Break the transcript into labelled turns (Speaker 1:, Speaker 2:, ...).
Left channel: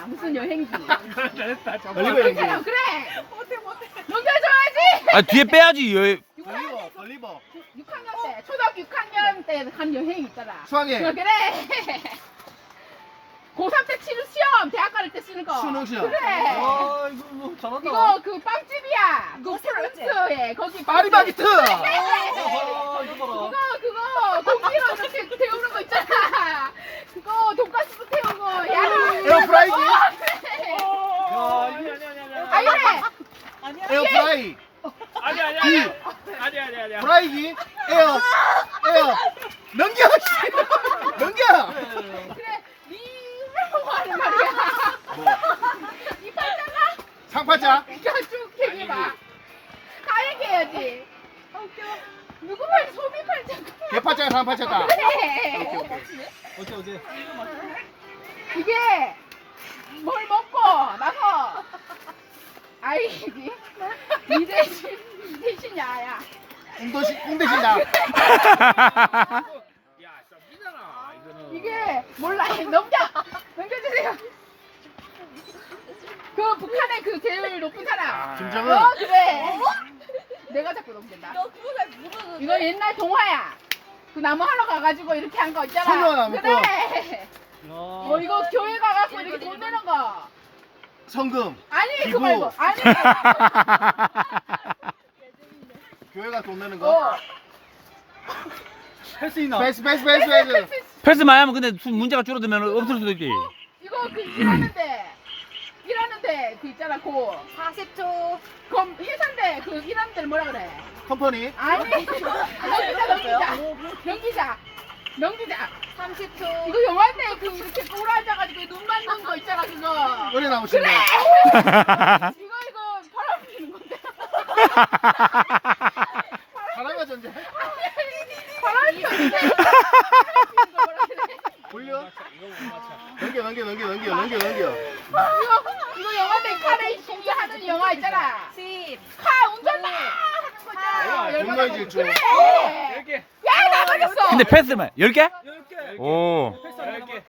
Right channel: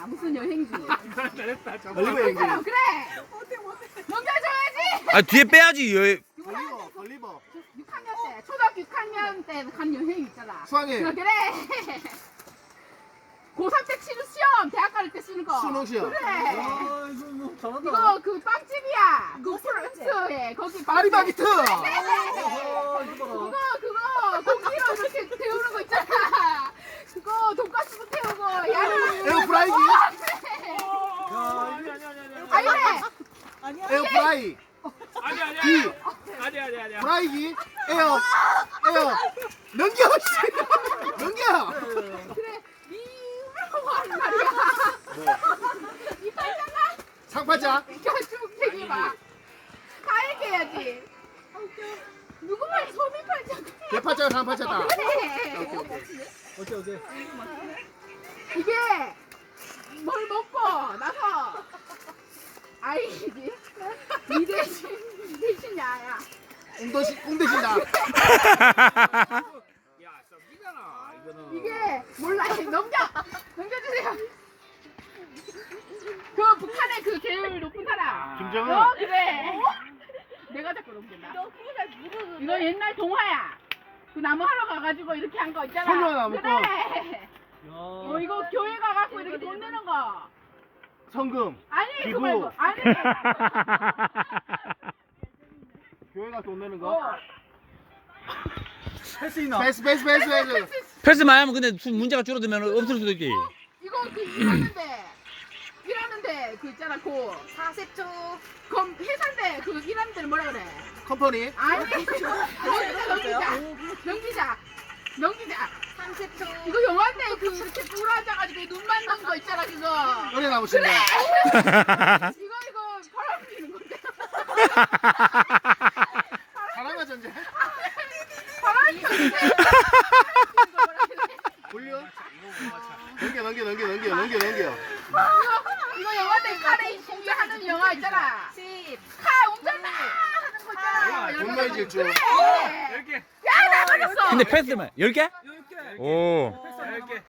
Speaker 1: 무슨 여행지?
Speaker 2: 잘했다.
Speaker 3: 걸리버 여행지.
Speaker 1: 그래. 넘겨줘야지.
Speaker 4: 아 뒤에 빼야지.
Speaker 3: 걸리버.
Speaker 1: 6학년 때, 초등학교 6학년 때 간 여행 있잖아.
Speaker 3: 수학여행.
Speaker 1: 그래. 고3 때 치는 시험, 대학 갈 때 쓰는 거.
Speaker 3: 수능 시험.
Speaker 1: 그래.
Speaker 2: 아 이거 뭐 잘한다.
Speaker 1: 이거 그 빵집이야. 그 프랑스에 거기
Speaker 3: 파리바게트.
Speaker 2: 어허, 이거 봐라.
Speaker 1: 그거 고기로 이렇게 태우는 거 있잖아. 그거 돈가스도 태우고 야채.
Speaker 3: 에어프라이기?
Speaker 1: 그래.
Speaker 2: 야,
Speaker 1: 아니 그래.
Speaker 3: 에어프라이.
Speaker 2: 아니.
Speaker 3: 기.
Speaker 2: 아니.
Speaker 3: 프라이기. 에어. 넘겨. 씨. 넘겨.
Speaker 1: 그래. 이거 하는 말이야. 이 팔자가
Speaker 3: 상팔자.
Speaker 1: 쭉 얘기해봐. 다 얘기해야지. 아 웃겨. 누구 말 소비 팔자.
Speaker 3: 개팔자가 상팔자다.
Speaker 1: 그래.
Speaker 2: 어째.
Speaker 1: 이게 뭘 먹고 나서 아이디 이 대신 야야.
Speaker 3: 웅대신다.
Speaker 2: 야, 썸이잖아. 이거는.
Speaker 1: 이게 몰라. 넘겨주세요. 그 북한의 그 제일 높은 사람.
Speaker 3: 김정은.
Speaker 1: 그래. 내가 자꾸 넘긴다. 이거 옛날 동화야. 그 나무 하러 가가지고 이렇게 한 거 있잖아.
Speaker 3: 소녀나무
Speaker 1: 그래.
Speaker 2: 야.
Speaker 1: 이거 교회 가갖고 이렇게 돈 내는 거.
Speaker 3: 성금.
Speaker 1: 아니
Speaker 3: 기부.
Speaker 1: 그거 말고. 아니.
Speaker 3: 교회가 돈 내는 거.
Speaker 1: 어.
Speaker 2: 할 수 있나?
Speaker 3: 베이스.
Speaker 4: 패스 많이 하면 근데 문제가 줄어들면 없을 수도 있지.
Speaker 1: 이거 그 일하는데 그 있잖아 그
Speaker 5: 40초.
Speaker 1: 그럼 회사인데 그 일하는 데를 뭐라 그래?
Speaker 3: 컴퍼니.
Speaker 1: 아니 넘기자
Speaker 5: 30초.
Speaker 1: 이거 영화인데 그 이렇게 꼬라 앉아가지고 눈 맞는 거 있잖아 그거
Speaker 3: 은혜나무 심네.
Speaker 1: 이거 바람 피는 건데
Speaker 3: 사랑과 전쟁.
Speaker 1: 바람 피는데
Speaker 3: 훈련.
Speaker 2: 이거 못 맞춰.
Speaker 3: 넘겨.
Speaker 1: 이거 영화인데 카레이싱이 하는 영화 있잖아
Speaker 5: 10.
Speaker 1: 카 운전 막 하는 거 있잖아
Speaker 3: 네,
Speaker 1: 열받아.
Speaker 3: 분노의 질주.
Speaker 1: 그래
Speaker 2: 이렇게.
Speaker 1: 야 나 걸렸어
Speaker 4: 근데 패스만 10개?
Speaker 2: 10개.
Speaker 4: 오.
Speaker 2: 패스 안